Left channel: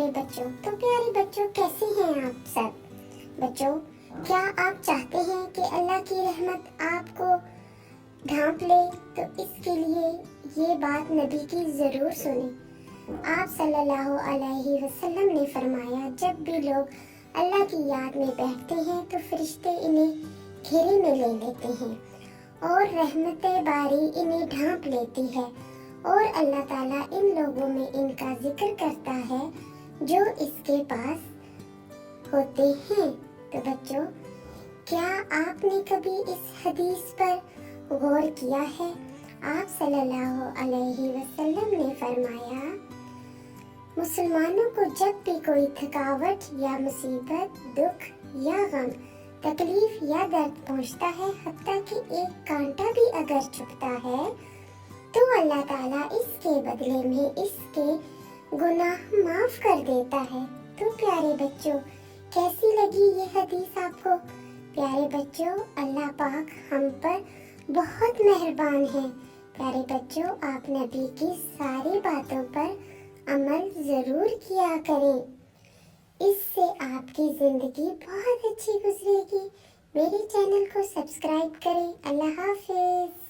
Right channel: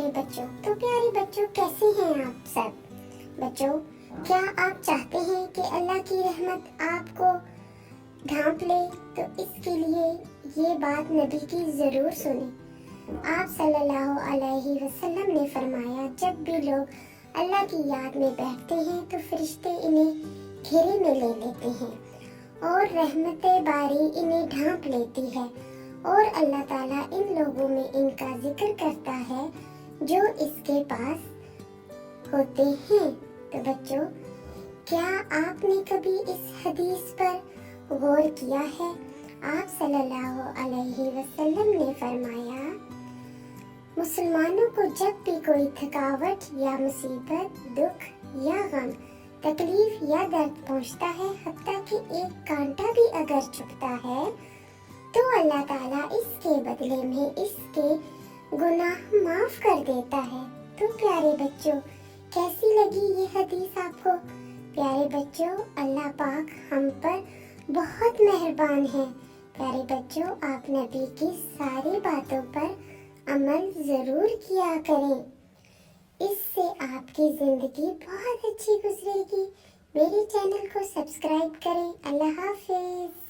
پیارے بچوں، تو پیارے بچوں کیسے ہیں آپ سب؟ بچوں، کیا آپ چاہتے ہیں کہ اللہ کی رحمت آپ کو ڈھانپ لے؟ تو اس کے لیے یہ بات نبی کی ضرور سنیں۔ آپ صلی اللہ علیہ وسلم نے فرمایا، جب بھی لوگ اللہ کی یاد میں بیٹھتے ہیں تو فرشتے انہیں گھیرے میں لے لیتے ہیں اور رحمت باری انہیں ڈھانپ لیتی ہے، اور اللہ تعالیٰ ان لوگوں میں ان کا ذکر کرتا ہے جو اس کے پاس ہوتے ہیں۔ تو بچوں، کیا آپ نے کبھی اس حدیث پر غور کیا ہے؟ آپ صلی اللہ علیہ وسلم نے فرمایا، مسلمانوں کو جب بھی کوئی تھکاوٹ یا مصیبت، دکھ یا غم، تکلیف یا درد پہنچتا ہے، حتیٰ کہ ایک کانٹا بھی اگر چبھتا ہے، تو اللہ تعالیٰ اس کے بدلے میں اس کے گناہ معاف کر دیتا ہے۔ تو پیارے بچوں، کیسی لگی یہ حدیث آپ کو؟ پیارے بچوں، اللہ پاک ہم پر بہت مہربان ہے۔ پیارے بچوں، آپ نبی کی ساری باتوں پر عمل ضرور کیا کریں، اس سے آپ کی زندگی بہت اچھی گزرے گی۔ میرے چینل کو سبسکرائب کریں۔ اللہ حافظ۔